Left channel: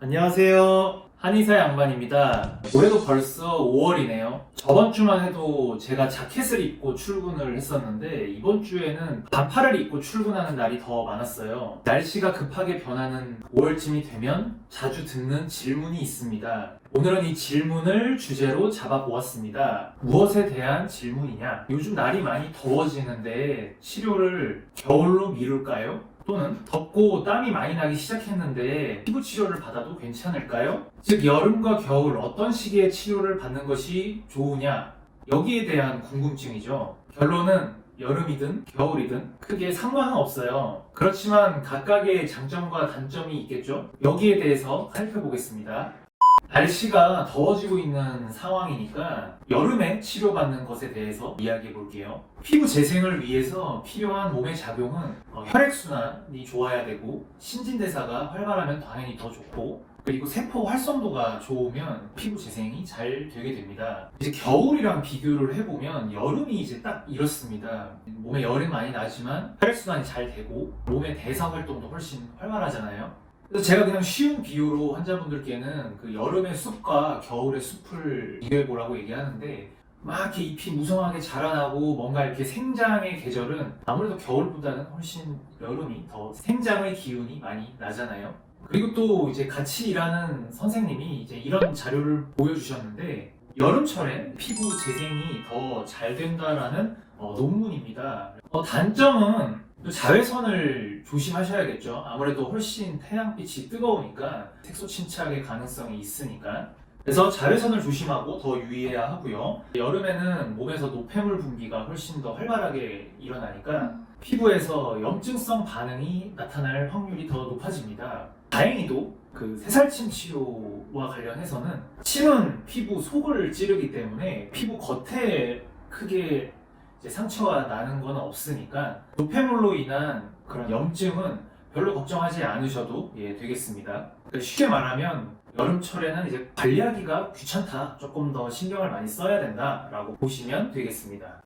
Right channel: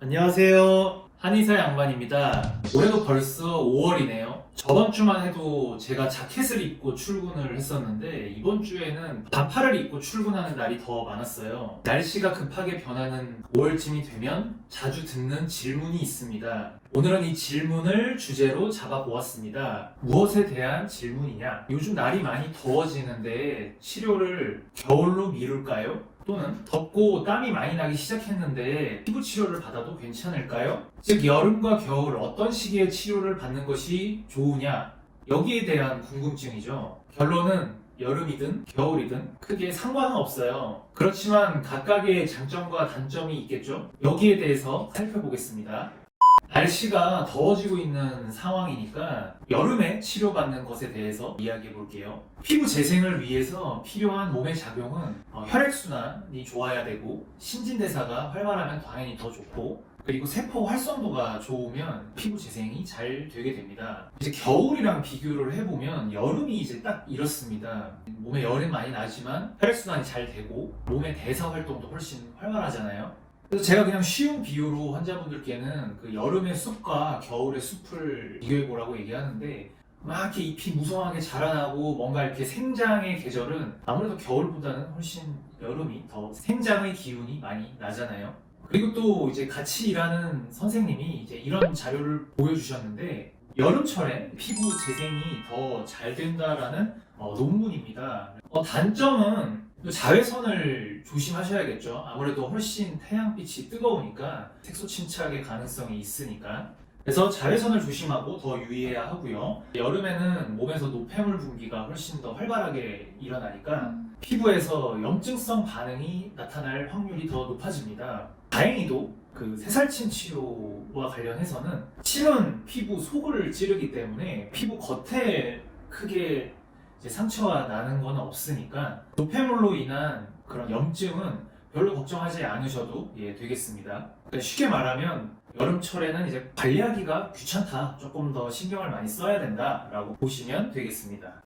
안녕하세요. 한의사 양반입니다. 올해도 벌써 5월이네요. 저번 주만 해도 제가 자켓을 입고 출근을 했었는데 이번 주에는 반팔을 입고 출근하는 날이 더 많았어요. 날씨가 급하게 변하는 5월쯤이 되면 자주 듣는 질문이 있습니다. 오늘은 이 질문을 주제로 잡아보았습니다. 무엇에 대한 질문이냐? 요즘 날이 많이 더워지는데 치료를 겨울로 미룰까요? 또는 덥고 땀이 많이 나기 시작했는데 피부 치료를 받아도 괜찮을까요? 즉 여름과 겨울 어떤 시기에 치료를 받는 것이 좋으냐? 여기에 대한 궁금증이죠. 결론은 여름이든 겨울이든 크게 상관은 없어요. 그렇지만 각각의 장점과 단점이 있겠죠? 여기에 대해서 살펴보겠습니다. 날씨가 더워지고 있는 상황이니까 여름에 치료받는 것에 대해서 이야기해 볼게요. 피부 재생을 위해서 필요한 몸의 작용은 혈액순환이 좋아야 되고 신진대사가 활발하면 당연히 더 좋고 그리고 세포 활성도가 좋으면 피부 재생이 잘 되게 됩니다. 이제 겨울이랑 비교를 해보면 여름이 이제 딱 이렇습니다. 몸에 열이 많이 나지만 혈액순환이 잘 되고 몸의 대사 활동도 훨씬 활발하잖아요. 그래서 제가 그냥 쉬운 비유로 환자분들께는 그 여름의 숲과 겨울의 숲을 비교해보라고 얘기하는데 막 이렇게 잎이 무성하게 자라나고 뭔가 이렇게 생장의 계절은 아무래도 겨울보다는 훨씬 여름이 더 생장의 기운이 많이 나잖아요. 그리고 또 이제 같이 일하는 선생님이 이제 이런 자료를 보여주셨는데 여름철에 피부 재생이 더 잘 된다라는 논문입니다. 단점은 자외선을 조심하셔야겠죠. 아무래도 훨씬 태양빛이 뜨거우니까 색소 침착의 가능성이 있으니까. 그래서 자외선을 조심하고 더 유의해야 하고요. 여름에는 몸에서 노폐물 분비가 훨씬 더 활발하게 일어나니까 피부에서 염증성 반응이 나타날 확률이 더 높아집니다. 다행히도 그 새살침 치료와 관련해서는 침은 피부 속을 찌르기 때문에 피부 겉에 크게 이제 상처가 나는 건 없으니까 노폐물로 인한 그런 염증은 별로 걱정하지 않으셔도 되겠습니다. 쉽게 말하면 여름철에는 이제 관리하기가 귀찮다, 조금 더 신경을 많이 써야 된다라고 보시면 되겠습니다.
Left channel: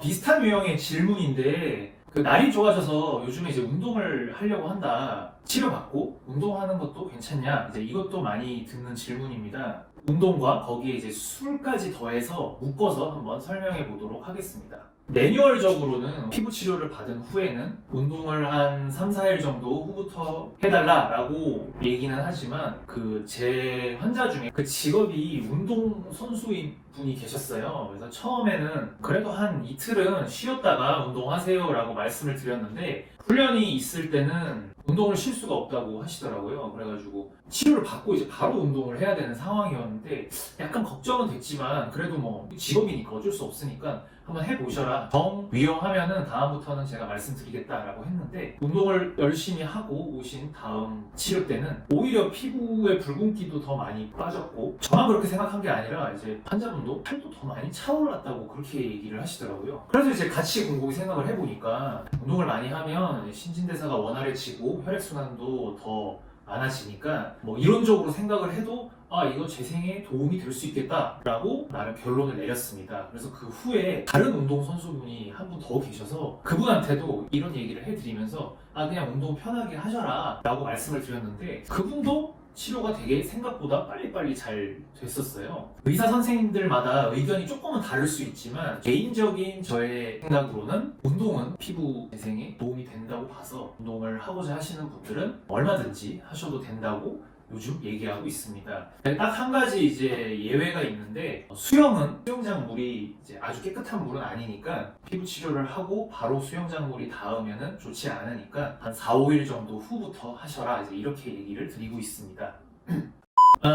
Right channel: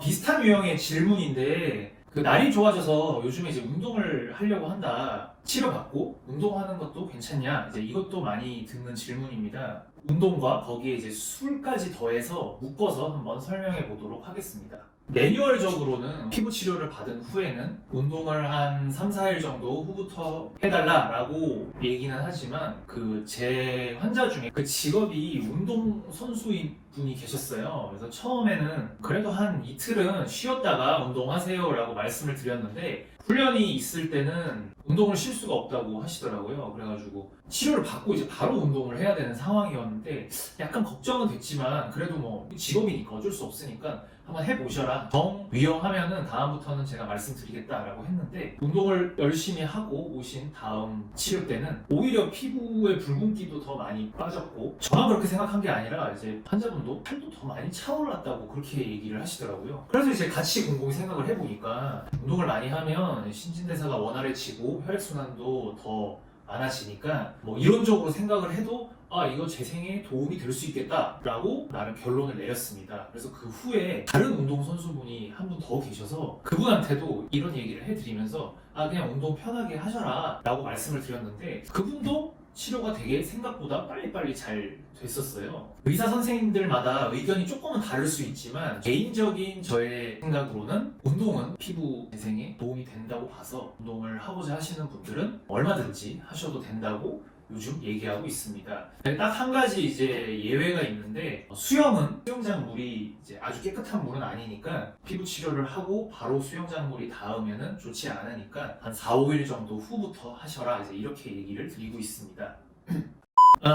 비슷한 유형의 질문인데 그 날이 좋아져서 요즘에 이제 운동을 하려고 한다. 치료받고 운동하는 것도 괜찮냐? 이제 이것도 많이 듣는 질문입니다. 운동과 거기에 이제 술까지 더해서 묶어서 한번 설명해 보도록 하겠습니다. 매뉴얼적으로는 피부 치료를 받은 후에는 운동을 한 3, 4일 정도 후부터 해달라라고 얘기는 하지만 그 제 환자 중에 그 직업이 운동 선수인 분이 계셨어요. 그래서 처음에는 그래도 한 이틀은 쉬었다가 운동하세요라고 말씀을 드렸는데 훈련이 있을 때는 운동을 쉴 수가 없다고 하시더라고요. 그래가지고 치료를 받고 이제 바로 운동을 해야 되는 상황이었는데 약간 걱정은 됐지만 그래도 뭐 직업이니까 어쩔 수 없으니까 한번 해보셔라. 정 위험하면은 다음부터는 제가 말씀드리겠다라고 했는데 운동을 열심히 하고 오신 다음 치료 때는 오히려 피부의 붉은기도 더 많이 빠졌고 저만 그렇게 생각한 게 아니라 이제 환자분도 팔도 더 많이 차올랐다고 그렇게 얘기를 하시더라고요. 그래서 이제 같이 곰곰이 생각을 해보니까 운동을 많이 하면 신진대사가 원활해지고 혈액순환도 더 많아지니까 뭐 이론적으로 생각을 해도 이거 재생에 도움이 될 수 있겠다라고 나름 결론을 내렸습니다. 그래서 그 후에 다른 운동 선수분이 한 분 더 계셔서 그분한테도 이런 얘기를 해드리면서 그냥 운동 편하게 하셔라 라고 말씀을 드렸는데 그분도 치료가 되게 생각보다 빨리빨리 잘 됐었어요. 의사 선생님들마다 의견이 조금은 다를 수 있지만 개인적인 저의 생각으로는 운동은 피부 재생에 도움이 된다고 봐서 운동을 하고자 하시는 분들은 얼마든지 하셔도 된다고 요즘 얘기하고 있습니다. 딱 한 가지 이제 예외가 있는데 수영은 수영장 물이 이제 아주 깨끗한 물은 아니니까 피부 치료를 하고 바로 수영장 물이 닿으면은 좋지 않으니까 한 4, 5일 정도 후부터 하셔라 이제 이렇게 얘기를 드리고 있습니다.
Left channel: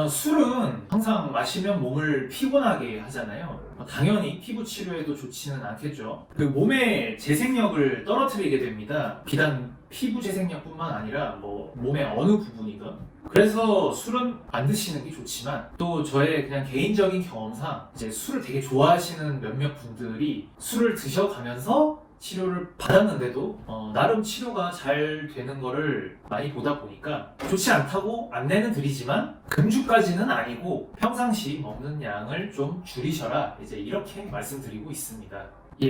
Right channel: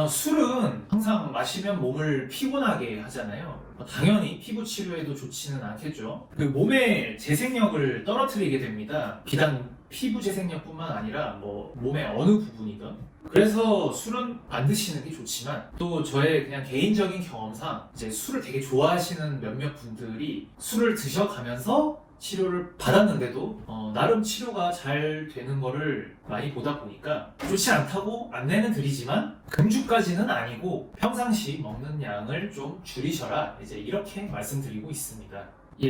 술은 항상 마시면 몸을 피곤하게 하잖아요. 당연히 피부 치료에도 좋지는 않겠죠. 그 몸의 재생력을 떨어뜨리게 됩니다. 비단 피부 재생력뿐만 아니라 뭐 몸의 어느 부분이든. 그래서 술은 안 드시는 게 좋지만 또 저의 그냥 개인적인 경험상 이제 술을 되게 좋아하시는 몇몇 분들이 술을 드셔가면서 치료를 받았는데도 나름 치료가 잘 되는 거를 많이 보다 보니까 좋지 않다고 안내는 드리지만 금주까지는 아니고 평상시 먹는 양을 좀 줄이셔라 이제 이렇게 말씀드리고 있습니다.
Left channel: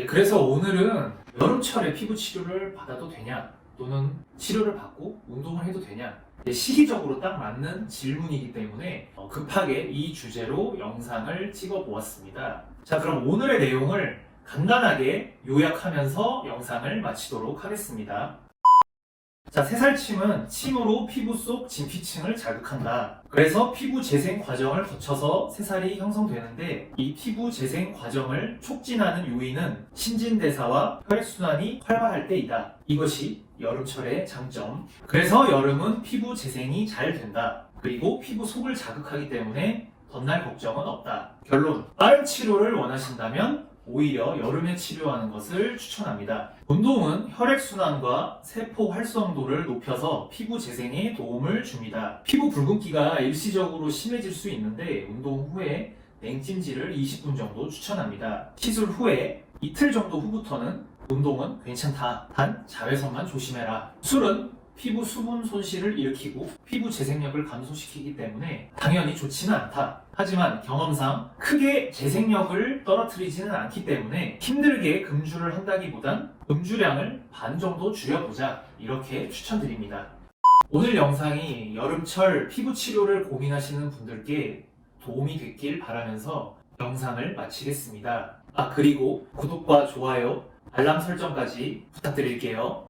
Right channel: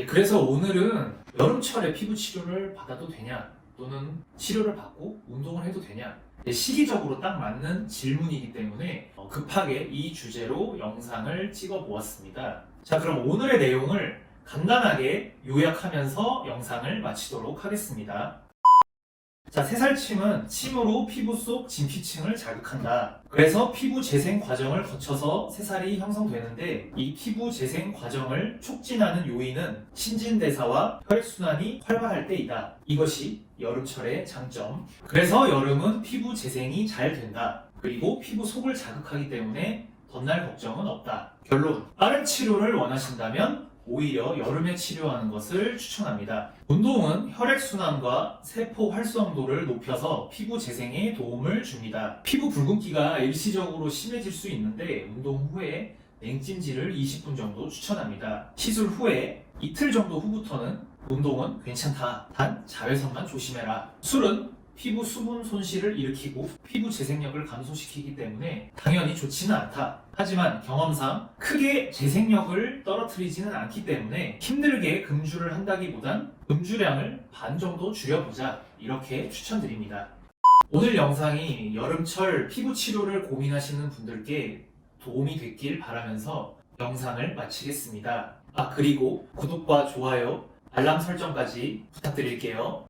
그래서 오늘은 여름철에 피부 치료를 받아도 되냐 또는 치료를 받고 운동을 해도 되냐 시기적으로 딱 맞는 질문이기 때문에 급하게 이 주제로 영상을 찍어 보았습니다. 자, 그럼 오늘의 내용을 간단하게 요약하면서 영상을 마치도록 하겠습니다. 자, 새살침은 침으로 피부 속 진피층을 자극한다. 그래서 피부 재생 과정을 거쳐서 새살이 형성되는데 이 피부 재생 과정을 촉진하는 요인은 신진대사와 혈액순환이 활발할 때이다. 이것이 여름철의 장점. 그래서 여름은 피부 재생이 잘 된다. 그리고 피부 속을 자극하기 때문에 덧날 걱정은 없다. 결론. 빠른 치료를 원하신다면 오히려 여름에 치료하는 것을 추천합니다. 운동은 혈액순환과 세포 활성도를 높여서 피부 재생에 도움을 줍니다. 피부 붉은기가 일시적으로 심해질 수 있는데 운동 후에 냉찜질을 20분 정도 추천합니다. 시술 후에 이틀 정도 후부터는 운동은 괜찮다. 단 자외선만 조심해라. 술은 피부 수분 손실을 일으키고 피부 재생력을 감소시키기 때문에 당연히 좋지는 않다. 하지만 경험상 크게 재생력을 떨어뜨리지는 않기 때문에 힘들게 금주를 한다기보단 음주량을 반 정도 줄여보자, 이렇게 추천드립니다. 오늘 영상이 여름철 피부 치료를 고민하시는 분들께 도움이 됐길 바라면서 영상을 마치겠습니다. 그리고 구독과 좋아요, 알람 설정까지 부탁드릴게요.